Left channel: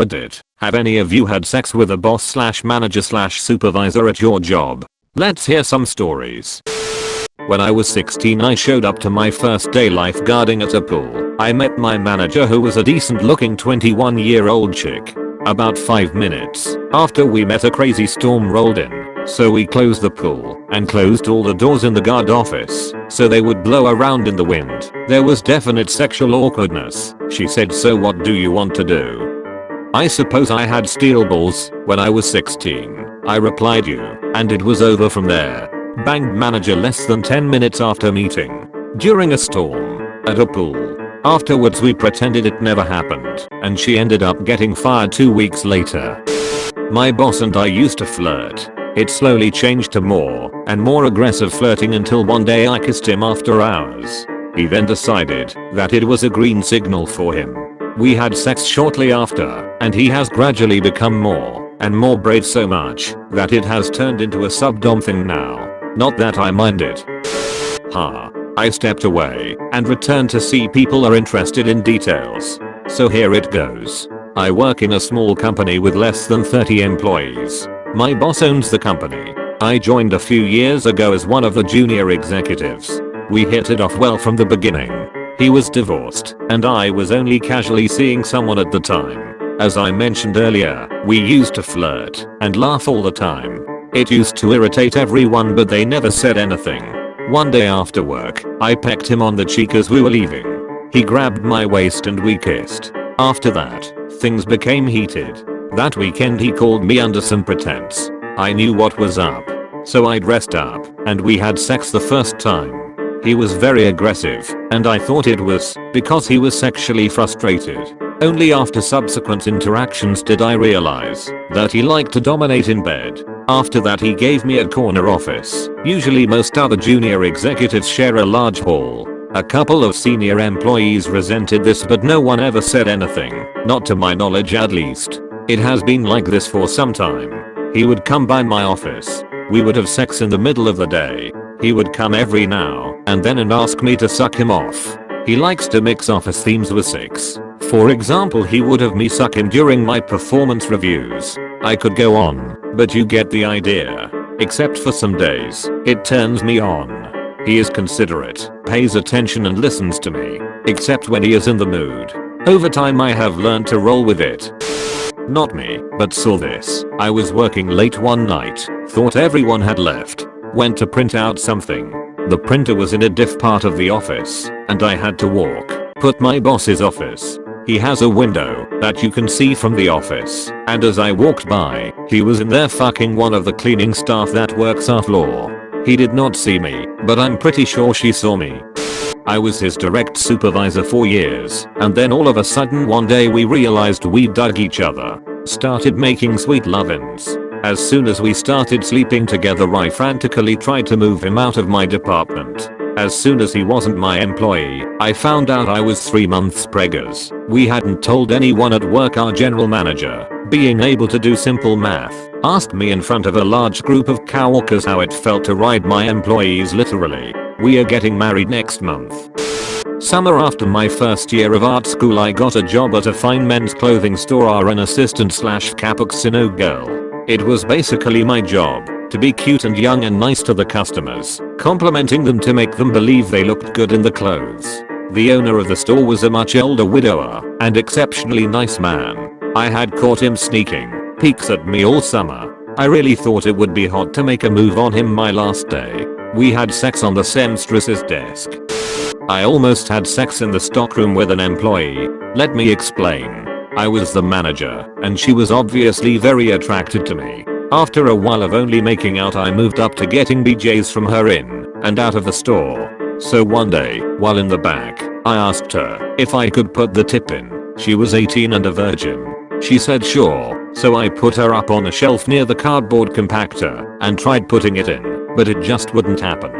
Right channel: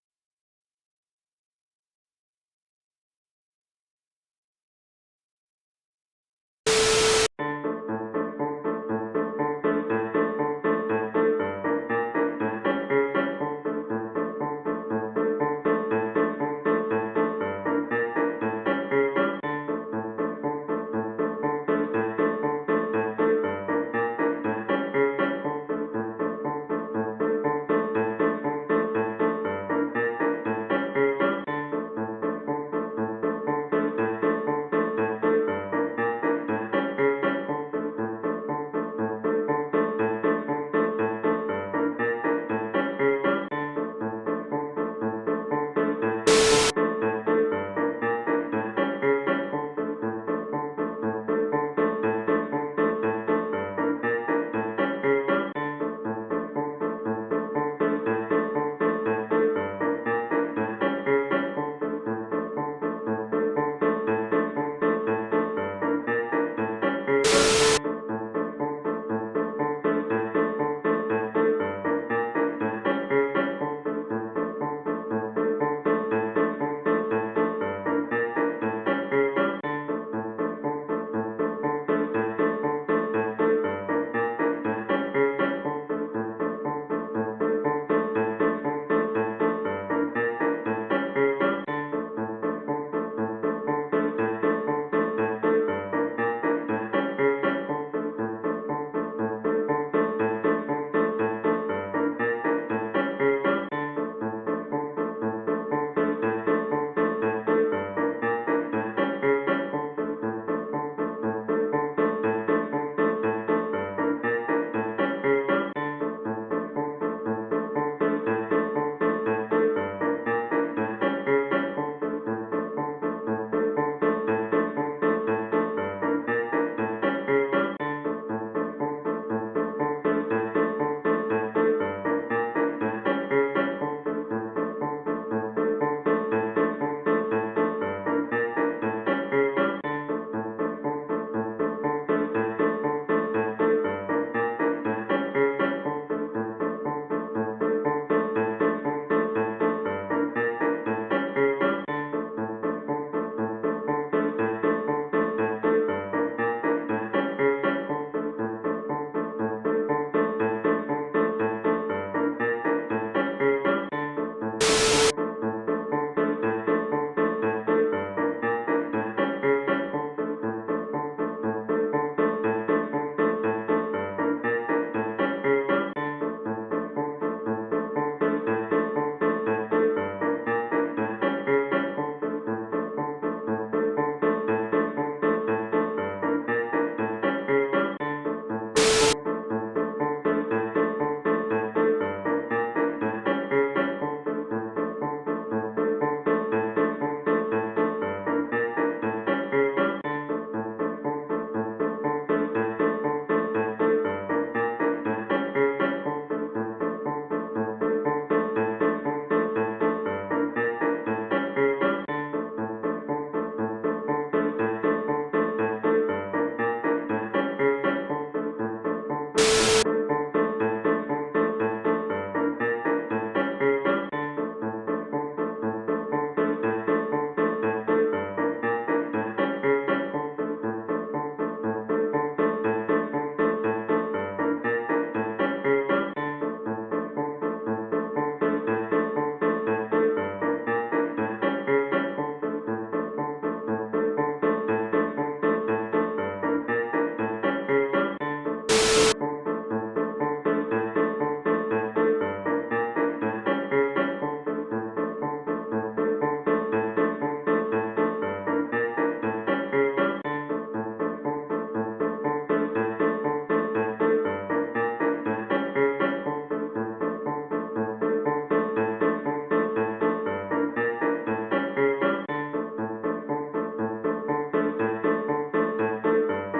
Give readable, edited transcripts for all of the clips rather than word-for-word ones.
Reddit, have any of you had sex with a boss slash manager slash supervisor at your job? Let's hear some stories. When I was 16 I showed up to my first day lifeguarding at a pool. I met my manager who was a decent looking 21-year-old chick. About 5 minutes after we met a crazy storm rolled in, so we closed the pool and closed all the doors in the guard office so they would blow around in the wind. There was definite sexual awkwardness. She said, "So what do you want to do?" I suppose I had steel balls when I was 16. I replied you, and it was over from there. Banged manager less than 10 minutes after meeting. During a storm. At a pool. Afterwards we pretended it never happened, and she ended up getting fired 2 weeks later. My boss and I used to flirt. It slowly changed to more and more aggressive flirting until one day I kissed him after hours. He then decided that it was a green signal for him. We had sex shortly after, and he has gradually become more and more brave so much that it has turned into a subdom thing now. Not that I mind it. I stepped away and returned to see people are interested in details. So here it goes. I work in a small company with less than 30 employees. My boss owns the company. I joined a few years ago as one of the junior executives. We hit it off well from the beginning. He was divorced, and I was only casually seeing someone at the time. As I mentioned earlier, we used to flirt and laugh all the time. It used to irritate everyone, but they never said anything. One day after work, I pecked him on the cheek as we were leaving. He grabbed my waist and we kissed. After that, things became heated. That weekend he called me under some pretense. I knew what was up. So I dressed up, and we had sex the first time. He was very aggressive, and I thought it was because he was sexually frustrated. Only after subsequent interactions did I realize that he liked to dominate in bed. After that he gave me a corner office. Usually most other junior executives share a large hall. A couple of senior employees resented this, but no one ever said anything. Not to my knowledge at least. It has been like this for some time. He would come by my office. We would have sex in the middle of the day. He would come every now and then and ask me to suck him off. He likes to mix office themes with sex. For example, he would have me suck him during my performance reviews. I could go on, but you get the idea. Except for some days, it turns me on. He is considerate, pays attention and listens to me. Except when he is in the mood. Over time I have learned to roll with it. Not me, but saw this. I was working late one night, thought everyone had left. Went to print out something. The printer was in a diff part of the office, and I had to walk. Put my boss's office. He has a window that you can see from the office, and as I walked by, he was in there fucking one of the cleaning staff that works our floor. He did not see me, but I'm pretty sure she saw me. I was his direct supervisor for years, and then all of a sudden one day we realized we dug each other. Started making sweet love-ins. As soon as we started sleeping together I frantically tried to move him out of my department. As soon as he wasn't my employee, I found out I was 3 months preggers. We hadn't told anyone at work. Our general manager, being able to do simple math, asked me in front of a large group of coworkers how it felt to ride my employees literally. We are getting married next month. Summer after my first year of art school I got a job at a fine men's clothing store, an assistant slash cappuccino girl. It was basically my job to be cute and young and nice to the customers, complimenting them to make them believe they looked good in the clothes. The owner of the store was a much older widower and exceptionally nice man. I had caught him sneaking peeks at me all summer. I really thought it would be hot to make a move on him my last day. We had sex on the seamstress's desk. I almost had sex in the stockroom with an employee. Let me explain. I was the manager, and she was obviously very attracted to me. After a while of only making out I moved up to getting BJ's from her in and out of the store. So one day, while in the back, I asked her if I could put the tip in. She was 18 and a virgin. She said sure, so I put her up on a shelf near the cardboard compactor and tried putting it in, but it just wouldn't happen.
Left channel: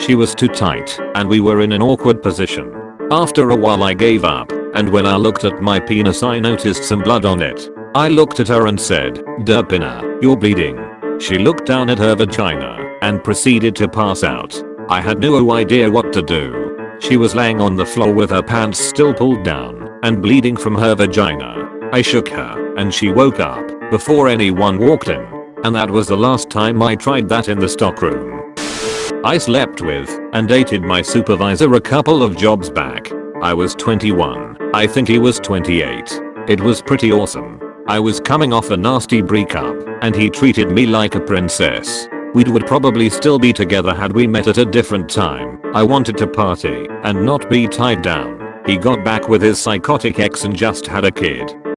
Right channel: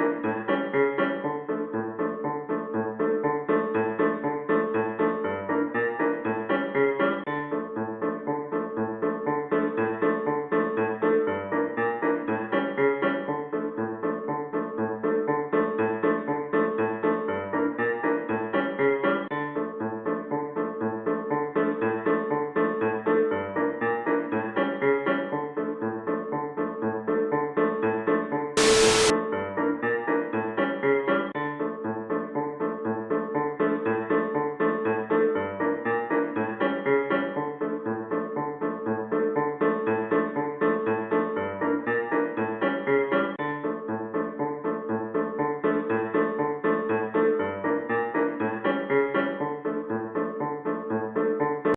She was too tight, and we were in an awkward position. After a while I gave up, and when I looked at my penis I noticed some blood on it. I looked at her and said, "Derpina, you're bleeding." She looked down at her vagina and proceeded to pass out. I had no idea what to do. She was laying on the floor with her pants still pulled down and bleeding from her vagina. I shook her, and she woke up before anyone walked in. And that was the last time I tried that in the stockroom. I slept with and dated my supervisor a couple of jobs back. I was 21. I think he was 28. It was pretty awesome. I was coming off a nasty breakup, and he treated me like a princess. We would probably still be together had we met at a different time. I wanted to party and not be tied down. He got back with his psychotic ex and just had a kid.